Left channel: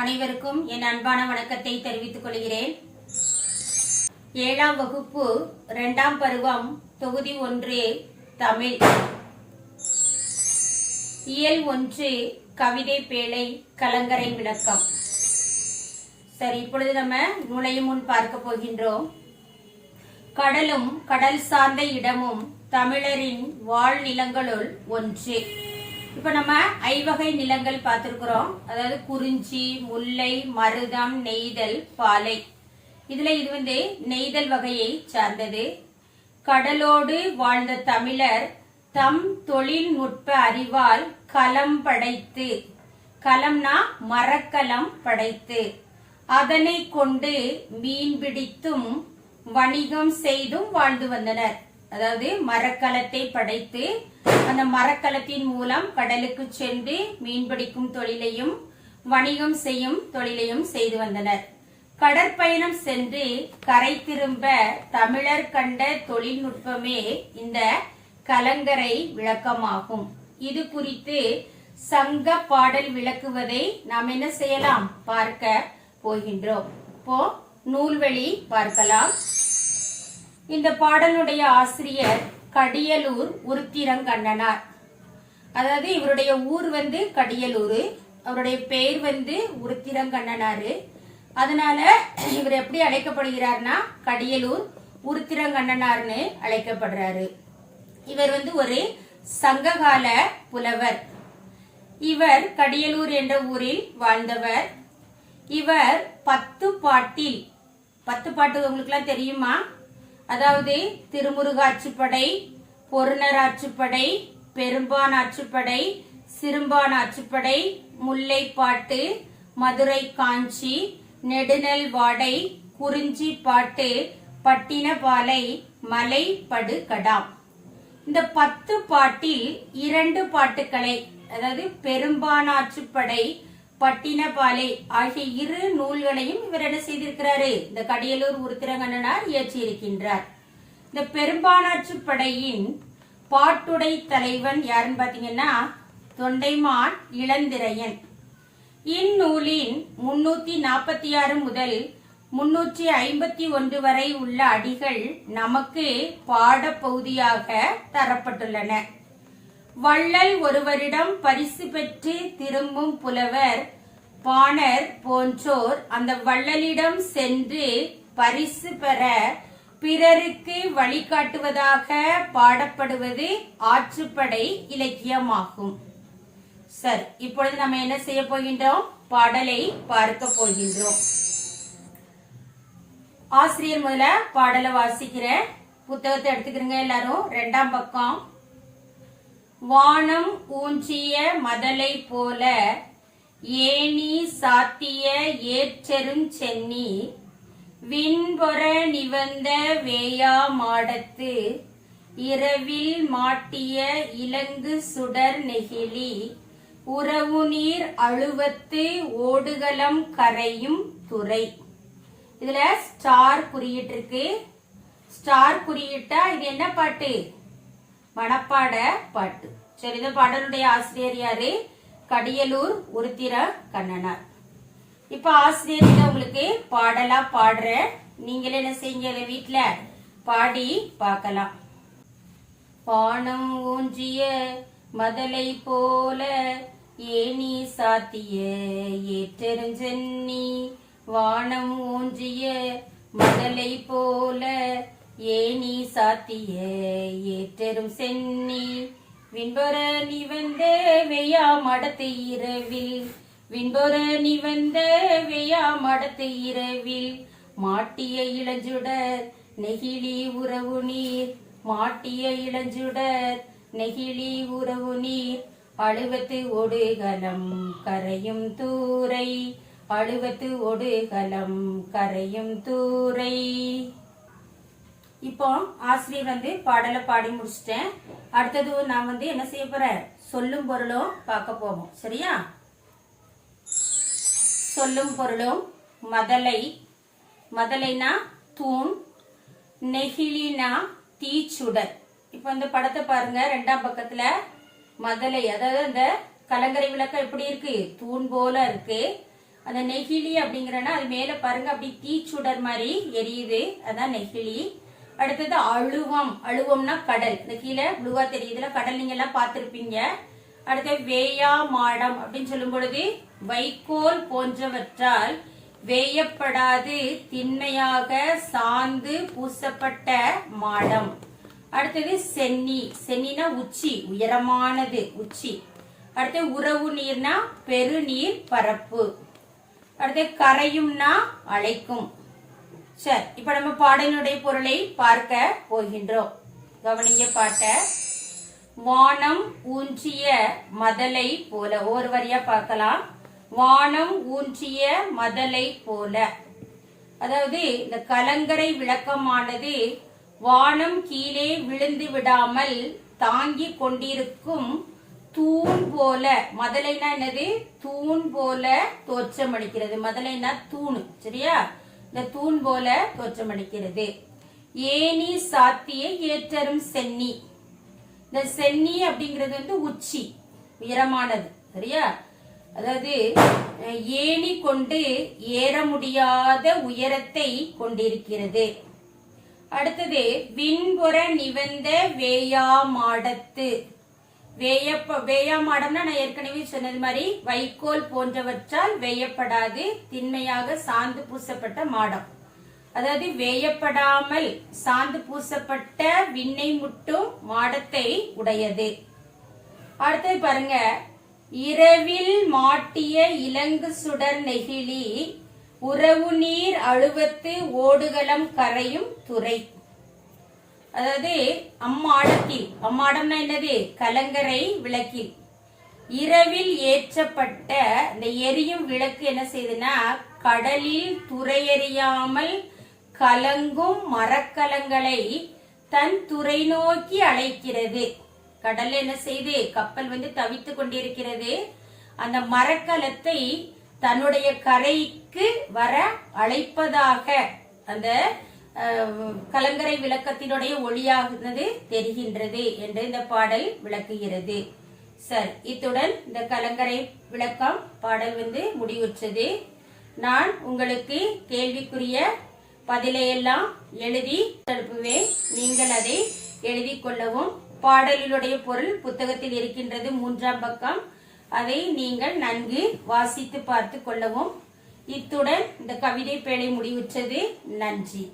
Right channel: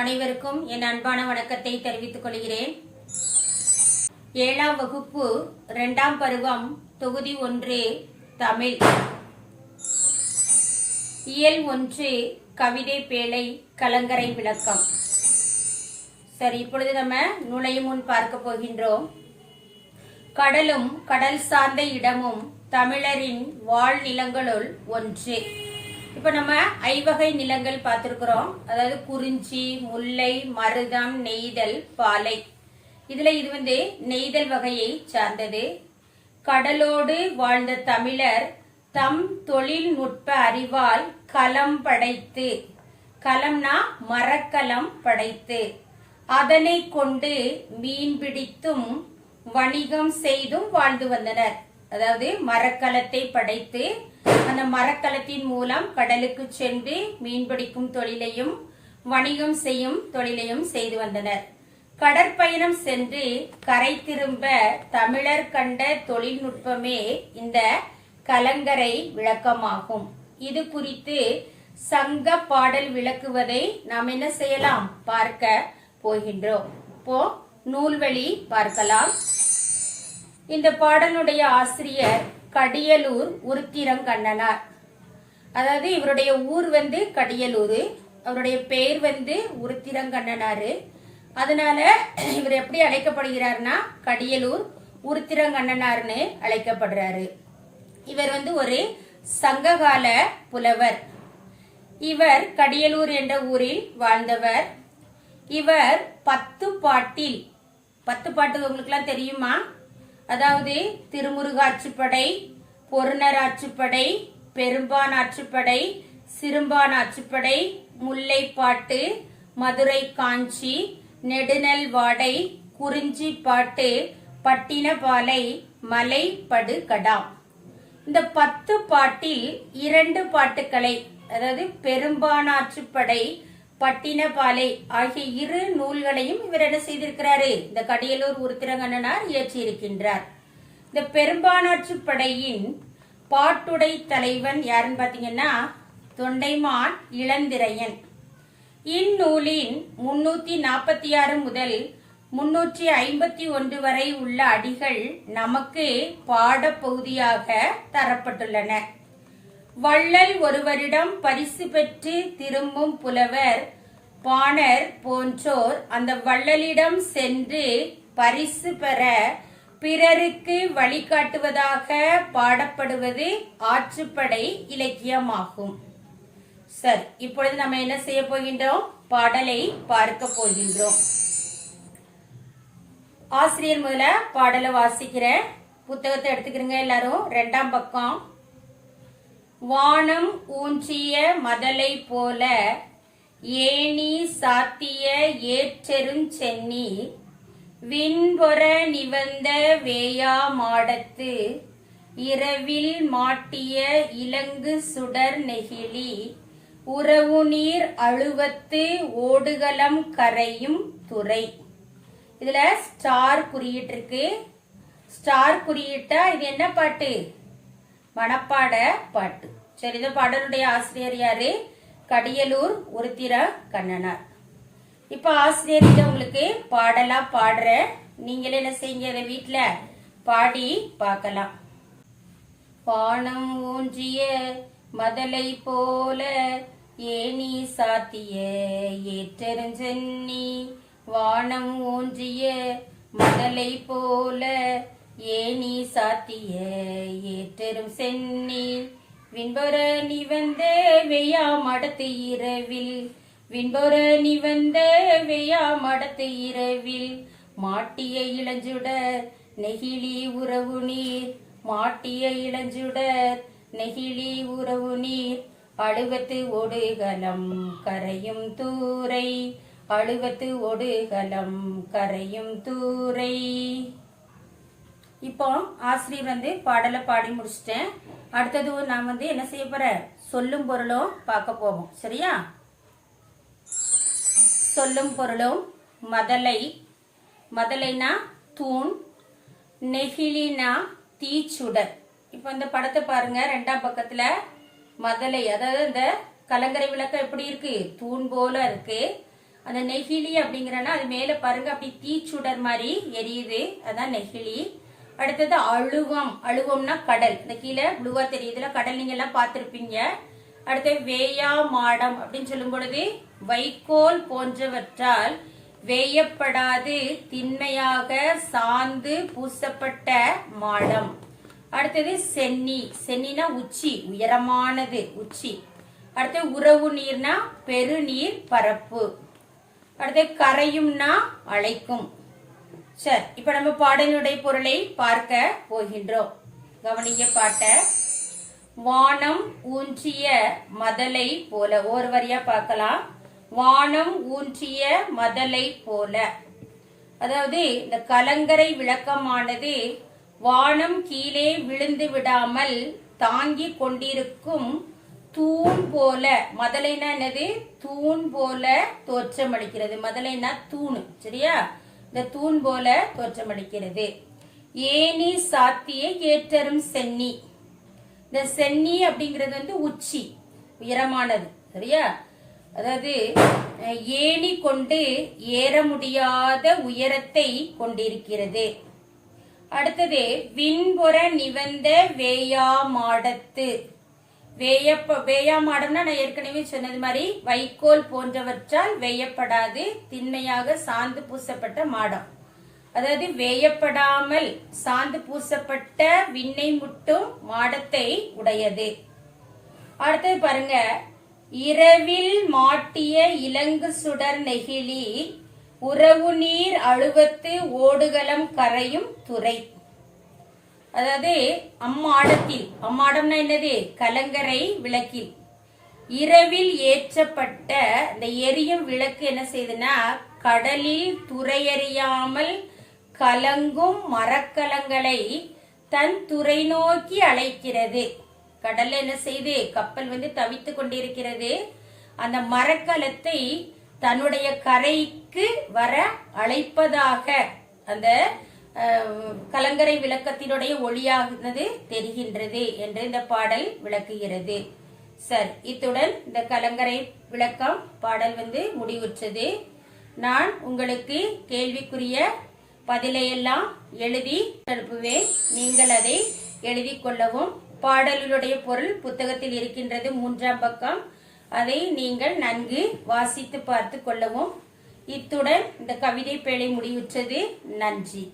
அனைவருக்கும் என் அன்பான வணக்கத்தை தெரிவித்துக் கொள்கிறேன். 7ஆம் வகுப்பு 2ஆம் பருவம் தொகுதி 1 தமிழ் இயல் 1 கவிதை பேழை கலங்கரை விளக்கம். சரி, இப்பொழுது நம்ம நுழையும் முன் பார்க்க போகின்றோம். கடலும் கடல் சார்ந்த இடமும் தமிழரின் வாழ் நிலங்களுள் ஒன்று. இப்ப நம்ம ஐவகை நிலங்கள் பார்த்திருக்கிறோம். அதாவது குறிஞ்சி, முல்லை, மருதம், நெய்தல், பாலை. இதுல இது நெய்தல் வகையை சார்ந்தது. கடலோடு வாழ்ந்த தமிழர் தம் தொழில்நுட்ப அறிவால் களம் படைத்து, களம்னா மரக்கலம் படைத்து, அதனை கொண்டு மீன் பிடித்தும் வணிகம் செய்தும் வாழ்ந்து வந்தனர். அதாவது மரக்கலத்தை படைத்து அந்த மரக்கலத்தின் மூலம் கடலுக்கு சென்று மீன்பிடிக்கும் தொழிலையும் வணிகம் செய்யும் தொழிலையும் செய்து வந்தனர். கடற்பயணம் சென்று கரை திரும்ப தமிழர் கண்ட தொழில்நுட்பமே இந்த கலங்கரை விளக்கமாகும். இது குறித்து சங்க பாடல் விளக்குவதை நாம் என்ன செய்யலாம், பார்க்க போகின்றோம். இப்போ நூல்வழி பார்க்கலாம். இந்த பாடலுடைய ஆசிரியர் கடியலூர் உருத்திரங்கண்ணனார். அதாவது இவருடைய ஊர் கடியலூர், அவருடைய பெயர் உருத்திரங்கண்ணனாரு. அதனால இவர் எப்படி அழைக்கப்படுகிறார்னா கடியலூர் உருத்திரங்கண்ணனார்னு அழைக்கப்படுறாரு. இவர் ஒரு சங்ககால புலவர். இவர் கடியலூர் என்ற ஊரில் வாழ்ந்தவர். இவர் 10 பாட்டில், 10 பாட்டு உங்களுக்கு எல்லாம் தெரியுமா? அதாவது திருமுருகாற்றுப்படை, பொருணர் ஆற்றுப்படை, பெரும்பான் ஆற்றுப்படை, சிறும்பான் ஆற்றுப்படை, முல்லைப்பாட்டு, மதுரை காஞ்சி, நெடுநல் வாடை, குறிஞ்சி பாட்டு, பட்டினப்பாலை, மலைப்படு கடாம். இந்த 10 பாட்டில் 2 பாட்டுக்களை, அதாவது பெரும்பானாற்றுப்படை, பட்டினப்பாலை ஆகிய 2 நூல்களையும் இவர் என்ன செய்திருக்கிறாரு, இந்த கடியலூர் உருத்திரங்கண்ணனார் இயற்றி இருக்கின்றார். இந்த பெரும்பானாற்றுப்படையின் பாட்டுடை தலைவன் யாருன்னு பாத்தீங்கன்னா தொண்டைமான் இளந்திரையன். இந்நூலின் 346 முதல் 351 வரை உள்ள அடிகள் நமக்கு பாடப்பகுதியாக தரப்பட்டுள்ளன. வள்ளல் ஒருவரிடம் பரிசு பெற்று திரும்பும் புலவர் பாணர் போன்றோர் அந்த வள்ளலிடம் சென்று பரிசு பெற பிறருக்கு வழிகாட்டுவதாக பாடப்படுவது ஆற்றுப்படை இலக்கியமாகும். சரி, இப்பொழுது நம்ம என்ன செய்ய போகின்றோம், பாடலை பார்க்க போகின்றோம். ஆசிரியர் முதல்ல பாடலை வாசிக்கிற புத்தகத்தை எடுத்துக்கிறீங்க எல்லாரும். 2ஆம் பக்கம். வானம் ஊன்றிய மதலை போல ஏணி சாத்திய ஏற்றெருஞ்சென்னி விண்பொற நிவந்த வேயா மாடத்து இரவில் மாட்டிய இலங்கு சுடர் நெகிழி உறவு நீர் அழுவத்து ஓடுகளம் கரையும் துறை. இதுல ஸ்டார் குறியீட்டு இருக்கு. ஸ்டார் குறியீட்டா இது என்ன பாட்டு, மனப்பாட பாட்டு. சரி, இந்த பாடலுடைய ஆசிரியர் யாரு, கடியலூர் உருத்திரங்கண்ணனார். இப்ப ஆசிரியர் உங்களுக்கு பாடலா பாடுற, நீங்களே என்ன செய்யுங்க, இதை வீட்டுல பாடி பார்க்கலாம். வானம் ஊன்றிய மதலை போல ஏணி சாத்திய ஏற்றெருஞ்சென்னி, வானம் ஊன்றிய மதலை போல ஏணி சாத்திய ஏற்றெரும் சென்னி விண்பொற நிவந்த வெயா மடத்து இரவில், விண்பொற நிவந்த வெயா மடத்து இரவில் மாட்டிய இளஞ்சுடர் நெகிழி உறவு நீர், மாட்டிய இளஞ்சுடர் நெகிழி உறவு நீர் அழுவத்து ஒடுகலம் கரையும் தூரை, அழுவத்து ஒடுகலம் கரையும் தூரை. இப்போ ஆசிரியர் பாடலை பாடி முடிச்சிட்டேன். அடுத்தது நான் என்ன செய்ய போறேன், சொல்லும் பொருளும் பார்க்க போவோம். சரியா? சொல்லும் பொருளும். மதலை, மதலைனா தூண், நெகிழினா தீச்சுடர். இப்போ இந்த படத்தை பாருங்க. 2ஆம் பக்கத்துல மதலை, அதாவது அந்த கலங்கரை விளக்கம் எப்படி இருக்கு, தூண் போல இருக்கு. அந்த நெகிழி அப்படிங்கிறனா அது மேல பாருங்க அப்படி தீச்சுடர் மாதிரி எரியுது, அதான் நெகிழி. அடுத்தது அழுவம். அழுவம்னா கடல். இந்த கீழே ப்ளூவா தெரியுதுல கடல், நீங்க எல்லாம் பார்த்திருப்பீங்க. அடுத்தது வேயா மாடம் அப்படின்னு சொல்லும் பொழுது வைக்கோல் போன்றவற்றால் வேயப்படாது திண்மையாக சாந்து பூசப்பட்ட மாடம். அடுத்தது சென்னி. சென்னினா உச்சி, உயரமானது உச்சி. அடுத்தது உறவு நீர்னா பெருநீர் பரப்பு. அடுத்து கரையும்னா அழைக்கும். சரி, இப்ப நம்ம பாடலுடைய பொருளை பார்க்க போகின்றோம். கவனிங்க பாட்ட. வானம் ஊன்றிய மதலை போல. ஒரு வரியா பார்க்கலாம். வானம் ஊன்றிய மதலை போல. அதாவது இந்த கலங்கரை விளக்கமானது வானம் கீழே விழுந்து விடாமல் தாங்கி கொண்டிருக்கும் தூண் போல. மதலைனா என்னது? தூண் போல தோற்றமளிக்கிறது. மதலைனா தூண், சரியா? இந்த தூண் போல தோற்றமளிக்கிறது. ஏனி சாத்திய ஏற்றரும் சென்னி. இந்த சென்னி அப்படிங்கிறது உச்சி, உயரமானது, சரியா? அதாவது ஏணி கொண்டு ஏற முடியாத உயரத்தை கொண்டிருக்கிறது. அடுத்தது விண்புற நிவந்த வேயா மாடத்து. வேயா மாடம்னா நான் ஏற்கனவே சொன்னது மாதிரி வைக்கோல் போன்றவற்றால் வேயப்படாது திண்மையாக சாந்து பூசப்பட்ட மாடம். அதாவது வேயப்படாமல் சாந்து பூசப்பட்ட விண்ணை முட்டும் மாடத்தை உடையது. அடுத்தது பாருங்க. இரவில் மாட்டிய இலங்கு சுடர் நெகிழி உறவு நீர் அழுவத்து ஓடுகளம் கரையும் துறை. அதாவது அம்மாடத்தில், அம்மாடம்னா என்னது? கலங்கரை விளக்கில் இரவில் ஏற்றப்பட்ட இந்த எரியும் விளக்கு என்ன செய்யுதுன்னா கடலில் துறையறியாமல் கலங்கும் மரக்கலங்களை தன் துறை நோக்கி அழைக்கிறது. கடல்ல என்ன செய்து கப்பல் தவித்து கொண்டிருக்கிறது. அந்த மரக்கலத்தை தன்னுடைய கரைக்கு வர அழைப்பதாக அந்த கலங்கரை விளக்கத்தினுடைய ஒளியானது தெரிகின்றது என்று இந்த பாடல் விளக்குகிறது. சரி, இத்துடன் இந்த கலங்கரை விளக்கம் பாடல் முடிவுற்றது. நான் உங்களுக்கு கேள்விக்குரிய பதிலையெல்லாம் எழுதி அனுப்புவேன். நீங்கள் அதை எழுதி கொள்ளவும். பாடலினுடைய பொருள் புத்தகத்தில் இருக்கின்றது, 3ஆம் பக்கம். அதை நீங்கள் நன்கு வாசித்து பார்த்து கொள்ளவும். இத்துடன் இந்த கவிதை பேழை முடிவுற்றது. நன்றி.